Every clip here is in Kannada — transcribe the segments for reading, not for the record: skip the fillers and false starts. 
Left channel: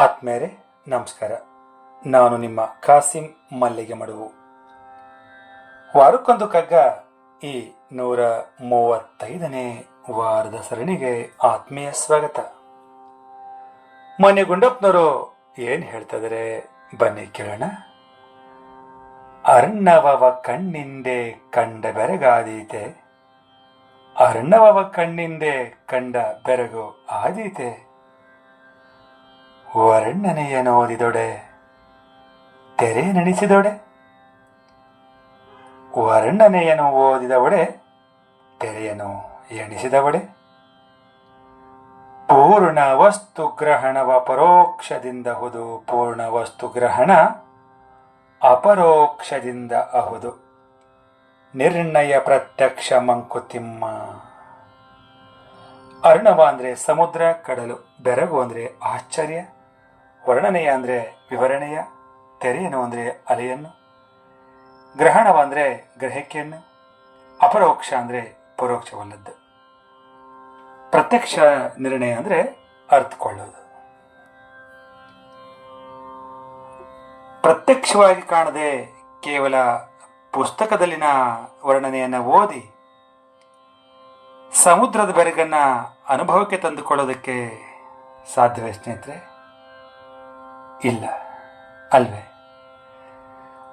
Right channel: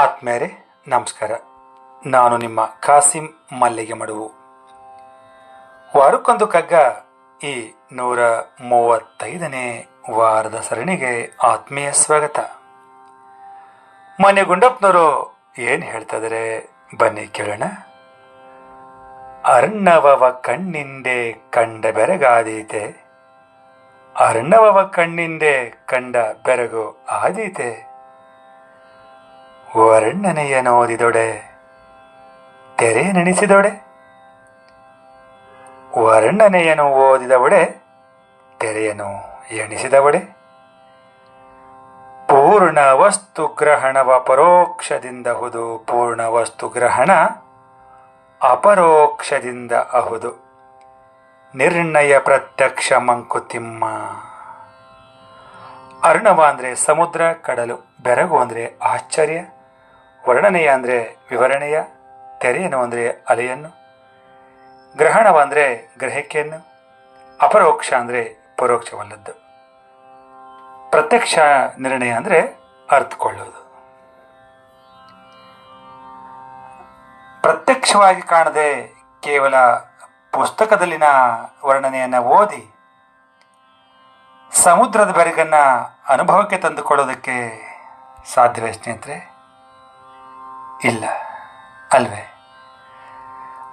ಆತ್ಮೇರೆ ನಮಸ್ಕಾರ. ನಾನು ನಿಮ್ಮ ಕಾಸಿಂ ಮಲ್ಲಿಗೆ ಮಡುವು. ವಾರಕ್ಕೊಂದು ಕಗ್ಗ ಈ 135ನೇ ವಾರದ ಸರಣಿಗೆ ಆತ್ಮೀಯ ಸ್ವಾಗತ. ಮನೆ ಗುಂಡಪ್ಪನವರು ಏನು ಹೇಳ್ತಿದ್ದಾರೆ ಬನ್ನಿ ಕೇಳೋಣ. ಅರ್ಣವವ ಕಣ್ಣಿಂದೆ ಕಂಡ ಬೆರಗಾದೀತೆ, ಅರ್ಣವವ ಕಣ್ಣಿಂದೆ ಕಂಡ ಬೆರಗು ಆದೀತೆ, ವರ್ಣನೆಯ ನೋದಿದೊಡೆ ತೆರೆ ನೆನೆಸಿದೊಡೆ, ವರ್ಣನೆಯನ್ನು ಓದಿದವಡೆ ತೆರೆಯನ್ನು ಎಣಿಸಿದವಡೆ, ಪೂರ್ಣ ವಸ್ತು ಗ್ರಹಣವ ಪರೋಕ್ಷದಿಂದ ಹುದು, ಪೂರ್ಣ ವಸ್ತು ಗ್ರಹಣ ಅಪರೋಕ್ಷದಿಂದ ಅಹುದು, ನಿರ್ಣಯ ಪ್ರತ್ಯಕ್ಷ ಮಂಕುತಿಮ್ಮ. ಅರ್ಣವ ಅಂದರೆ ಸಮುದ್ರ ಕಡಲು, ಬೆರಗು ಅಂದರೆ ಆಶ್ಚರ್ಯ, ವರ್ಣನೆಯ ಅಂದರೆ ವಿವರಣೆಯ, ತೆರೆಯನ್ನು ಅಂದರೆ ಅಲೆಯನ್ನು, ಗ್ರಹಣವ ಅಂದರೆ ಗ್ರಹಿಕೆಯನ್ನು, ಅಪರೋಕ್ಷ ಅಂದರೆ ಪರೋಕ್ಷವಲ್ಲದ್ದು, ಪ್ರತ್ಯಕ್ಷ ನಿರ್ಣಯ ಅಂದರೆ ಅರ್ಥಕೊಳ್ಳೋದು. ಪ್ರತ್ಯಕ್ಷವಾಗಿ ಕಾಣದೆ ಕೇವಲ ಪುಸ್ತಕದಲ್ಲಿನ ವರ್ಣನೆಯನ್ನು ಓದಿ ಸಮುದ್ರದ ಬೆರಗನ್ನ ಅನುಭವಕ್ಕೆ ತಂದುಕೊಳ್ಳೋದಕ್ಕೆ ಸಾಧ್ಯವೇ ಸ್ನೇಹಿತರೆ? ಇಲ್ಲ ಅಲ್ವೇ?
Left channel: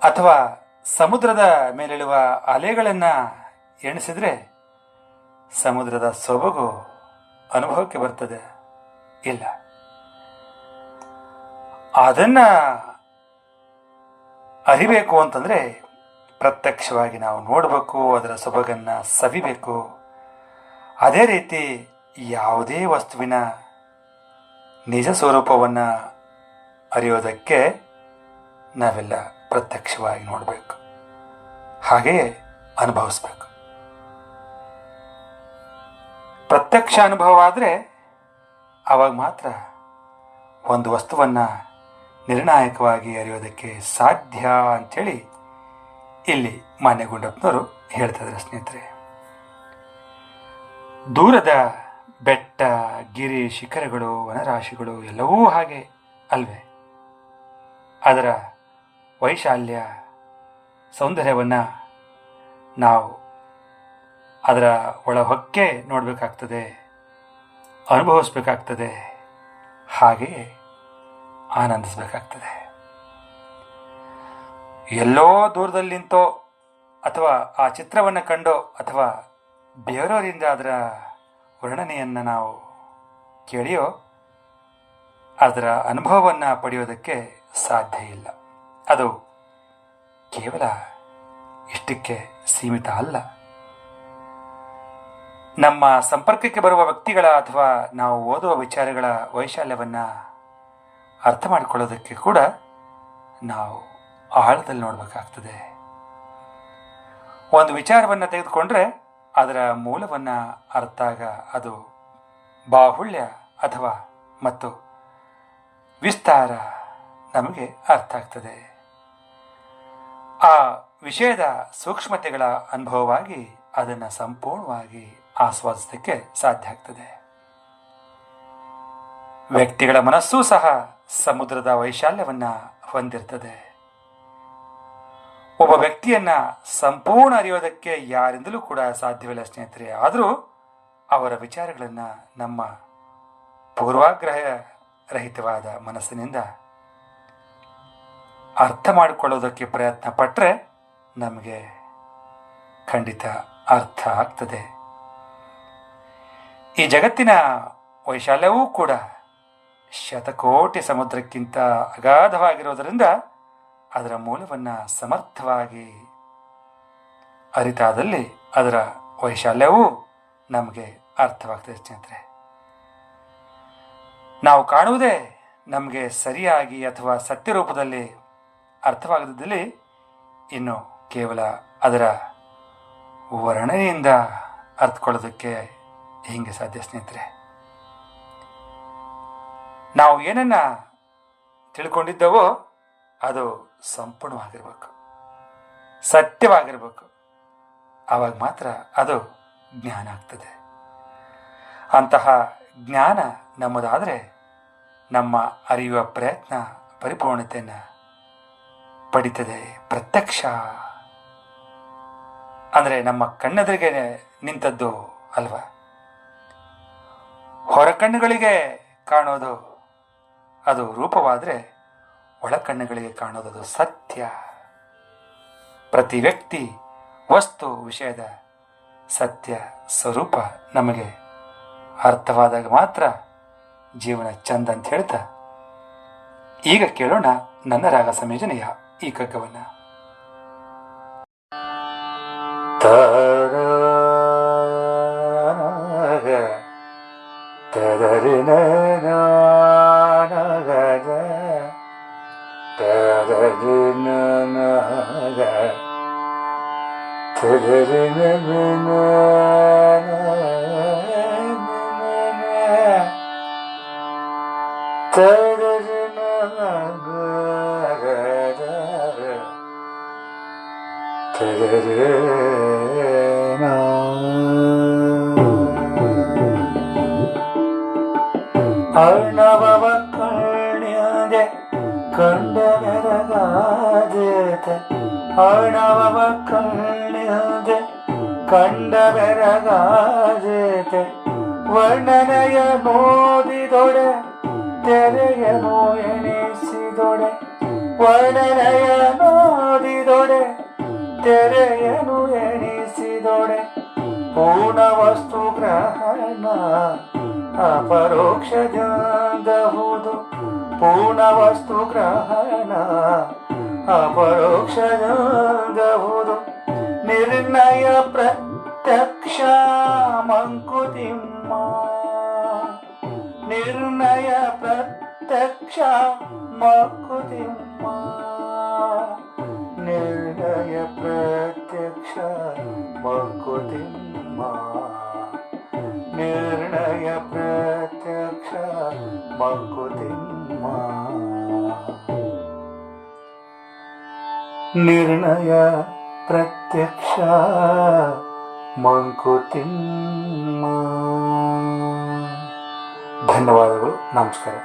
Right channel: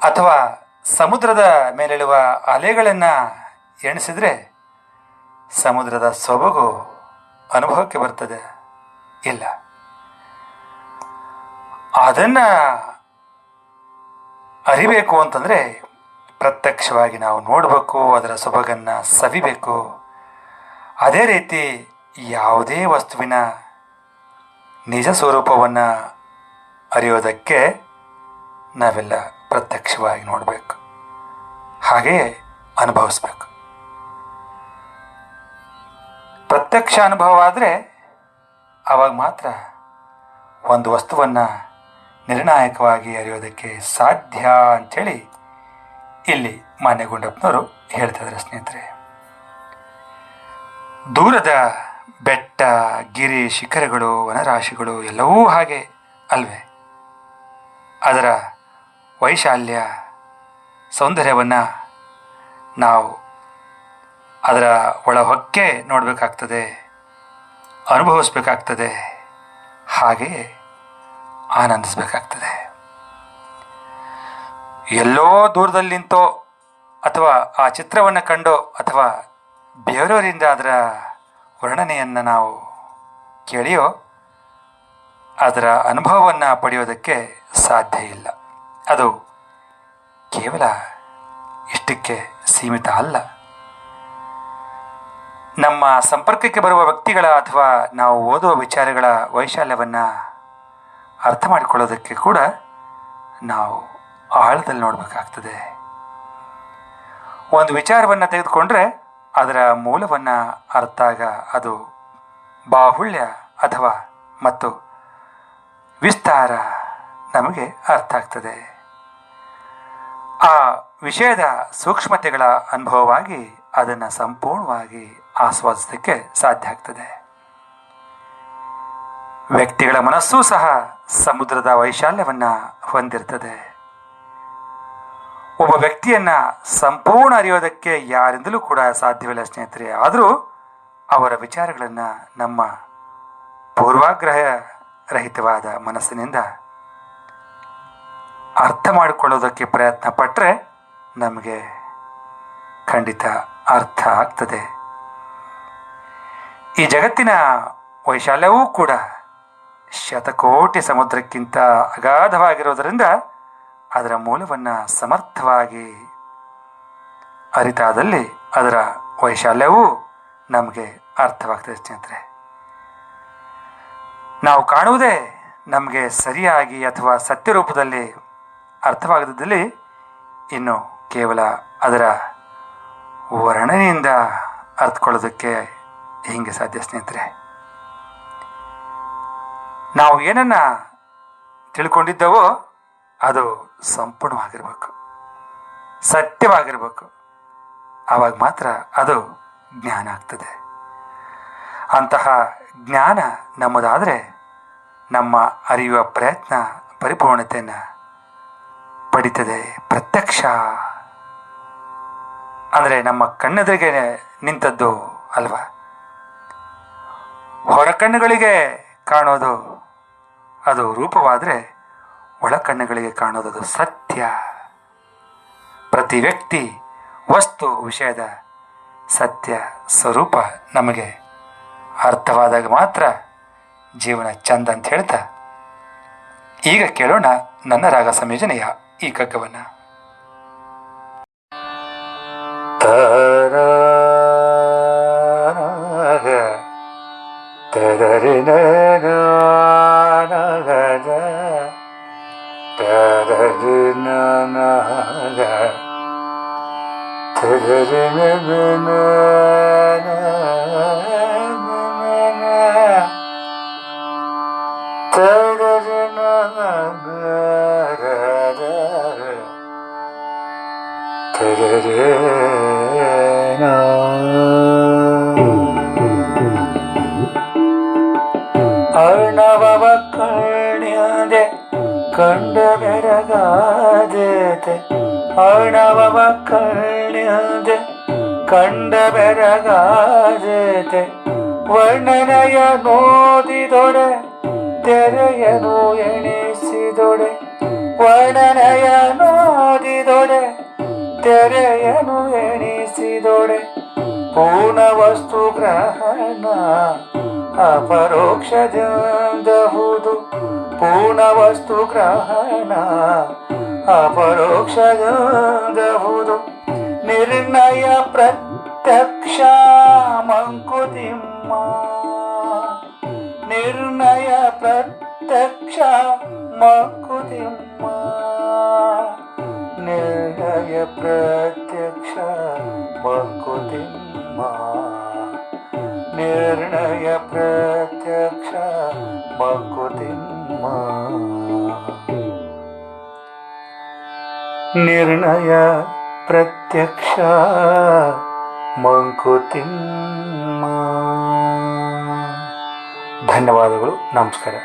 ಅಥವಾ ಸಮುದ್ರದ ಮೇಲೆಳುವ ಅಲೆಗಳನ್ನು ಎಣಿಸಿದ್ರೆ ಸಮುದ್ರದ ಸೊಬಗು ಅನುಭವಕ್ಕೆ ಬರ್ತದೆ? ಇಲ್ಲ. ಅದನ್ನು ಅರಿಬೇಕು ಅಂತಂದರೆ ಪ್ರತ್ಯಕ್ಷವಾಗಿ ನಾವು ನೋಡಬೇಕು, ಅದರ ಸೊಬಗನ್ನು ಸವಿಬೇಕು. ಅದೇ ರೀತಿ ಯಾವುದೇ ವಸ್ತುವಿನ ನಿಜ ಸ್ವರೂಪವನ್ನು ಅರಿಯೋದಕ್ಕೆ ನಾವೆಲ್ಲ ಪ್ರತ್ಯಕ್ಷವಾಗಿ ನೋಡಬೇಕು, ಹಾಗೆಯೇ ಅನುಭವಿಸ್ಬೇಕು. ಪ್ರತ್ಯಕ್ಷ ಅನುಭವ ಆದರೆ ಆವಾಗ ಮಾತ್ರ ಒಂದು ವಸ್ತುವನ್ನು ನಿರ್ಣಾಯಕವಾಗಿ ಅರಿಯೋದಕ್ಕೆ ಸಾಧ್ಯ ಅಂಥೇಳಿ ಇಲ್ಲಿ ಮಾನ್ಯ ಗುಂಡಪ್ಪನವರು ಹೇಳ್ತಿದ್ದಾರೆ ಸ್ನೇಹಿತರೆ. ದೂರದ ಬೆಟ್ಟ, ಗಿರಿ, ಶಿಖರಗಳು, ವನರಾಶಿಗಳು ಎಲ್ಲವೂ ಹಾಗೆ ಅಲ್ವೇ? ಅದರ ವೈಶಾಲ್ಯ, ಸೌಂದರ್ಯವನ್ನು ನಾವು ಅದರ ಒಳಹೊಕ್ಕೆ ನೋಡಬೇಕಾಗ್ತದೆ, ಅನುಭವಿಸ್ಬೇಕಾಗ್ತದೆ, ಹಾಗೆಯೇ ಆನಂದಿಸಬೇಕಾಗ್ತದೆ. ಎಲ್ಲೋ ದೂರದಲ್ಲಿ ನಿಂತೋ ಅಥವಾ ಆ ಚಿತ್ರವನ್ನು ಕಂಡೋ ಅಥವಾ ಬೇರೆಯವರಿಂದ ಅದರ ವರ್ಣನೆಯನ್ನು ನಾವು ಕೇಳಿಯೋ ಅದರ ಅನುಭವವನ್ನು ಪಡೆಯೋದಕ್ಕೆ ಸಾಧ್ಯ ಇಲ್ಲ. ಅದು ಕೇವಲ ಇಷ್ಟಕ್ಕೆ ಸೀಮಿತ ಅಲ್ಲ. ನಮ್ಮ ಸಂಪರ್ಕಕ್ಕೆ ಬರುವ ವ್ಯಕ್ತಿಗಳ ಅಥವಾ ನಾವು ಓದುವ ವಿಚಾರಗಳ ವೈಶಾಲ್ಯವನ್ನು ಅರ್ಥ ಮಾಡಿಕೊಳ್ಳೋದಕ್ಕೆ ಕೂಡ ನಾವು ಆಳದಲ್ಲಿ ನೋಡಬೇಕಾಗ್ತದೆ. ಒಂದು ವಿಚಾರವನ್ನು ತೆಗೆದುಕೊಂಡ್ರೆ ಅದರ ಮೂಲವನ್ನು ಅರ್ಥಾಗ ಅದು ಬಾಹುಳ್ಯ ಅಥವಾ ಮತ್ತು ವಿಸ್ತಾರ ನಮಗೆ ಅರ್ಥ ಆಗ್ತದೆ. ಆ ವಿಷಯದ ಸೂಕ್ಷ್ಮತೆಗಳ ಅನುಭವವಾಗಿ ಅದನ್ನು ಸಂಪೂರ್ಣವಾಗಿ ಆಸ್ವಾದಿಸೋದಕ್ಕೆ ಸಾಧ್ಯ ಆಗ್ತದೆ. ವ್ಯಕ್ತಿಗಳ ಮನಸ್ಸೂ ಸಹ ಸಮುದ್ರದ ವೈಶಾಲ್ಯವನ್ನು ಹೊಂದಿರ್ತದೆ. ಒಬ್ಬ ವ್ಯಕ್ತಿಯನ್ನು ಸಂಪೂರ್ಣ ಅರಿಯೋದಕ್ಕೆ ಯಾರಿಂದಲೂ ಕೂಡ ಸಾಧ್ಯವಿಲ್ಲ ಸ್ನೇಹಿತರೆ. ಆದರೂ ಅವರ ವಿಚಾರಗಳನ್ನು ನಮ್ಮ ಪೂರ್ವಾಗ್ರಹ ರಹಿತವಾದ ಮನಸ್ಸಿನಿಂದ ಅರ್ಥ ಮಾಡಿಕೊಳ್ಳೋದಕ್ಕೆ ಪ್ರಯತ್ನ ಪಟ್ಟರೆ ನಮಗೆ ಖಂಡಿತ ಅರ್ಥ ಆಗ್ತದೆ. ಈ ಜಗತ್ತಿನ ವೈಶಾಲ್ಯವೂ ಕೂಡ ಶತಕೋಟಿ ಸಮುದ್ರಕ್ಕಿಂತ ಅಗಾಧವಾಗಿರೋದರಿಂದ ಅದರ ಮೂಲವನ್ನು ಸಮರ್ಥವಾಗಿ ಅರಿತಾದಲ್ಲಿ ಅದರ ವೈಶಾಲ್ಯವೂ ನಮಗೆ ಅರ್ಥವಾಗ್ತದೆ ಸ್ನೇಹಿತರೆ. ನಾವು ಕಾಣುವುದೇ ನಮಗೆ ಸರಿಯಾಗಿ ಅಥವಾ ಸತ್ಯ ರೂಪದಲ್ಲಿ ಅರ್ಥವಾಗದಿದ್ದಲ್ಲಿ ಇನ್ನು ಕೇವಲ ಅದರ ವರ್ಣನೆಯಿಂದ ಅರ್ಥಕೊಳ್ಳೋದಕ್ಕೆ ಹೀಗೆ ಸಾಧ್ಯ ಸ್ನೇಹಿತರೆ. ನಾವು ಏನನ್ನು ತಿಳ್ಕೊಂಡಿದ್ದವೋ ಅದು ಸಂಪೂರ್ಣವಾಗಿರಬೇಕು, ಸತ್ಯವಾಗಿರಬೇಕು. ಆವಾಗ ಮಾತ್ರ ಅದು ಜ್ಞಾನ ಆಗ್ತದೆ. ಅಂತಹ ಜ್ಞಾನ ನಮ್ಮದಾದರೆ ನಮ್ಮ ಅರಿಯುವ ಪ್ರಯತ್ನ ಪರಿಪೂರ್ಣತೆಯನ್ನು ಪಡಿತದೆ. ಪ್ರತ್ಯಕ್ಷ ಅಂದರೆ ನಮ್ಮ ಕಣ್ಣೆದುರಿಗೆ ನಿಂತದ್ದು ಅಲ್ವಾ. ಹೊರ ಕಣ್ಣುಗಳಿಗೆ ಕಾಣೋದು ಅದು ರೂಪವಾದರೆ ಒಳ ಕಣ್ಣುಗಳಿಗೆ ಕಾಣೋದು ಸತ್ಯ. ಪ್ರತಿ ವ್ಯಕ್ತಿ, ವಸ್ತು, ವಿಷಯದ ಸತ್ಯ ಸ್ವರೂಪ ನಮಗೆ ಅರ್ಥವಾದಾಗ ಮಾತ್ರ ಜೀವನ ಚಂದ ಅಂತ ಹೇಳ್ತಾ ಈಗ ಕೇಳೋಣ ನನ್ನ ರಾಗ ಸಂಯೋಜನೆಯ ಈ ಕಗ್ಗವನ್ನು. ಅರ್ಣವ ಕಣ್ಯದೆ ಕಂಡ ಬೆರಗಾದತೆ, ಅರ್ಣವ ಕಣ್ಯದೆ ಕಂಡ ಬೆರಗಾದತೆ, ವರ್ಣನೆಯ ನೋದಿದೊಡೆ ತೆರೆಯನು ಎಣಿಸಿದೊಡೆ, ವರ್ಣನೆಯ ನೋದಿದೊಡೆ ತೆರೆಯನು ಎಣಿಸಿದೊಡೆ, ಪೂರ್ಣ ವಸ್ತು ಗ್ರಹಣ ಅಪರೋಕ್ಷದಂದಹುದು, ಪೂರ್ಣ ವಸ್ತು ಗ್ರಹಣ ಅಪರೋಕ್ಷದಂದಹುದು, ನಿರ್ಣಯ ಪ್ರತ್ಯಕ್ಷ ಮಂಕುತಿಮ್ಮ, ನಿರ್ಣಯ ಪ್ರತ್ಯಕ್ಷ ಮಂಕುತಿಮ್ಮ, ನಿರ್ಣಯ ಪ್ರತ್ಯಕ್ಷ ಮಂಕುತಿಮ್ಮ, ನಿರ್ಣಯ ಪ್ರತ್ಯಕ್ಷ ಮಂಕುತಿಮ್ಮ, ನಿರ್ಣಯ ಪ್ರತ್ಯಕ್ಷ ಮಂಕುತಿಮ್ಮ. ಧನ್ಯವಾದಗಳು. ನಮಸ್ಕಾರ.